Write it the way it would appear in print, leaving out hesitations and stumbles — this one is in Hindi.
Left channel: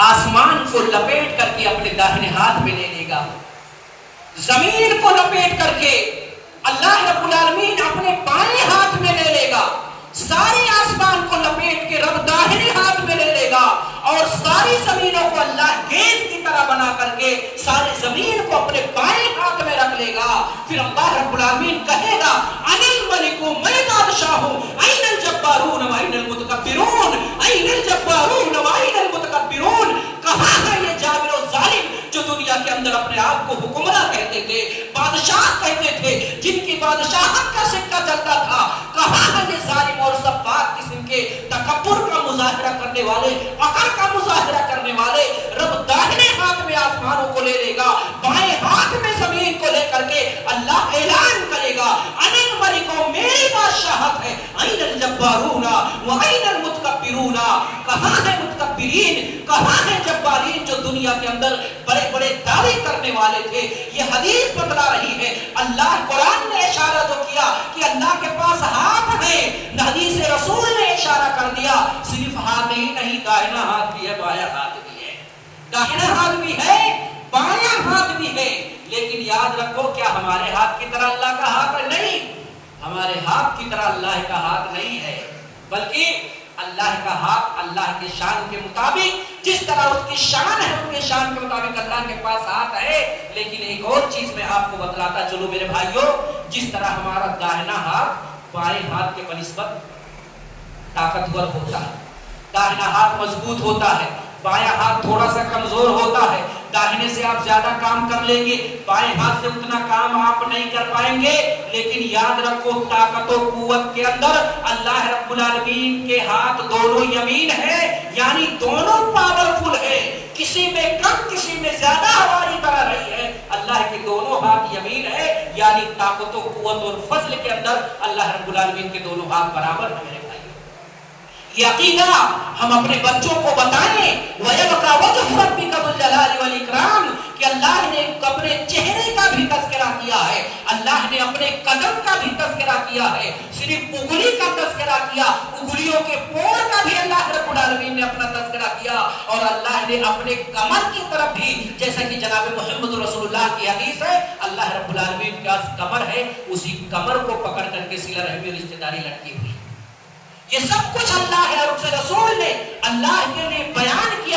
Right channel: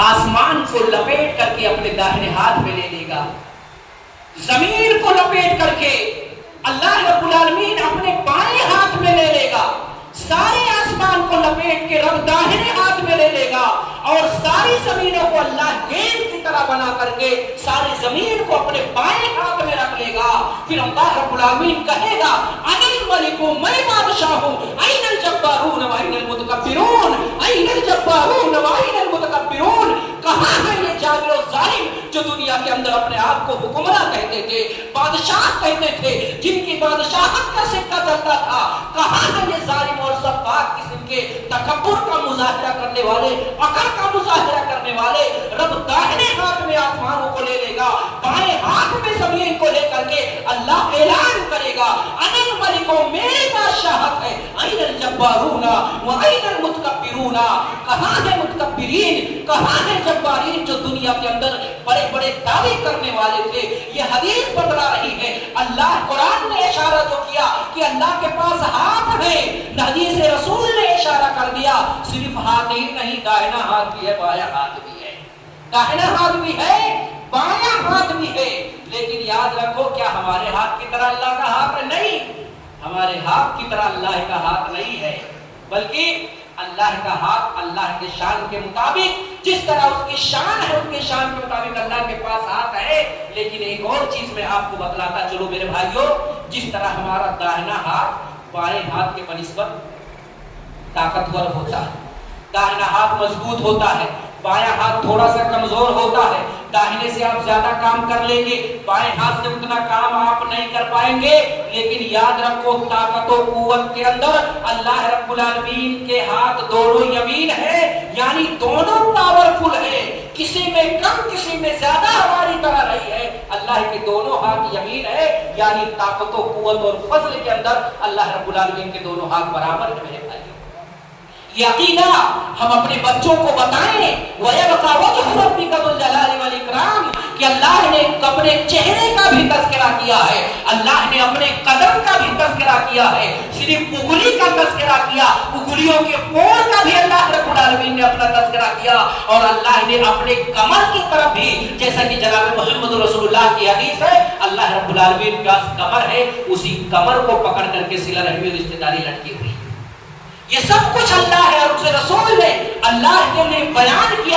आसमान को लपेट करके अपने दाहिने हाथ में ले लेगा, जमीन को लपेट करके अल्लाह रब्बुल आलमीन अपने बाएं हाथ में ले लेगा, सारे आसमान को लपेट के रब दाहिने हाथ में ले लेगा और सारी जमीनों को अल्लाह गेंद की तरह बना करके सारी जमीन को अपने बाएं हाथ में रख लेगा। फिर अल्लाह रब्बुल आलमीन कहेगा अनिल मलिकु, मैं बादशाह हूं, ऐनल जब्बारून व ऐनल मुतकब्बिरून, ऐनल जब्बारून व ऐनल मुतकब्बिरून। कहां है ये जाबिर और जालिम जो दुनिया के अंदर अपने आप को हुक्मरान कहते थे, बादशाह कहते थे, जिनकी बादशाहत का सिक्का चलता था। कहां है ये जालिम और सब्बाक किस्म के तकब्बुर का मुजाहिरा करने वाले, अकड़ का मुजाहिरा करने वाले। रब दाहिने हाथ में आसमानों को ले लेगा, बाएं हाथ में जमीन को लेकर के अल्लाह ऐलान करेगा अनिल मलिको, मेरी बादशाहत है, ऐनल जब्बारूना व ऐनल मुतकब्बिरूना। कहां है मुतकब्बिरीन, कहां है जब्बारीन जो दुनिया के अंदर बड़े बड़े दावे करने वाले थे। ये हदीस बतला रही है, अल्लाह कुरान ने इशारा तो किया कि अल्लाह के पास हाथ है, हदीस रसूल ने इशारा कर दिया सिर्फ हाथ ही नहीं, दाहिना हाथ भी है, बायां हाथ भी है, दाहिना हाथ भी है, बायां हाथ भी है। लेकिन याद रखो, क्या हमारे हाथ की तरह अल्लाह का हाथ है? नहीं, हमारे हाथ की तरह अल्लाह का हाथ नहीं है, बल्कि अल्लाह का हाथ अल्लाह के शान के मुताबिक, जिस तरह उसकी शान है उसके शान के मुताबिक अल्लाह के पास हाथ है। लेकिन एक और चीज मैं आपको बतलाता चलो मेरे भाइयों, जिस तरह हमारा दाहिना हाथ बाएं हाथ के बनिस्बत ताकतवर होता है, दाहिना हाथ मजबूत होता है, बायां हाथ थोड़ा सा कमजोर होता है। दाहिने से आप ज्यादा काम कर लेंगे, बाएं हाथ से उतना काम आप नहीं कर पाएंगे। लेकिन याद रखो, ताकत और कुव्वत के अंदर अल्लाह रब्बुल आलमीन के हाथ दोनों यमीन है, यानी दोनों पावरफुल है, किसी में कम किसी में ज्यादा हमारी तरह रही है। अल्लाह के दोनों हाथ यमीन है, यानी ताकत और कुव्वत और फजल के अंदर अल्लाह रब्बुल आलमीन के दोनों हाथ बराबर है। मेरे भाई, यकीना हम अपने बच्चों को बताएं कि अल्लाह ने अपने चेहरे का भी तज़किरा किया है, अल्लाह ने अपने कदम का भी तज़किरा किया है, सिर्फ उंगली का तज़किरा किया, उंगलियों के पोर का भी अल्लाह रब्बुल आलमीन ने अपना तज़किरा किया। और अल्लाह ने अपने कमर की तरफ भी, जैसा कि जनाब मोहम्मद रसूलुल्लाह की हदीस है, अल्लाह रब्बुल आलमीन का कमर है, उसी कमर को पकड़ करके सिला रहमी और रिश्तेदारी लटकी हुई। ये सब कुछ अल्लाह है और उसके रसूल ने अल्लाह के लिए बयान किया।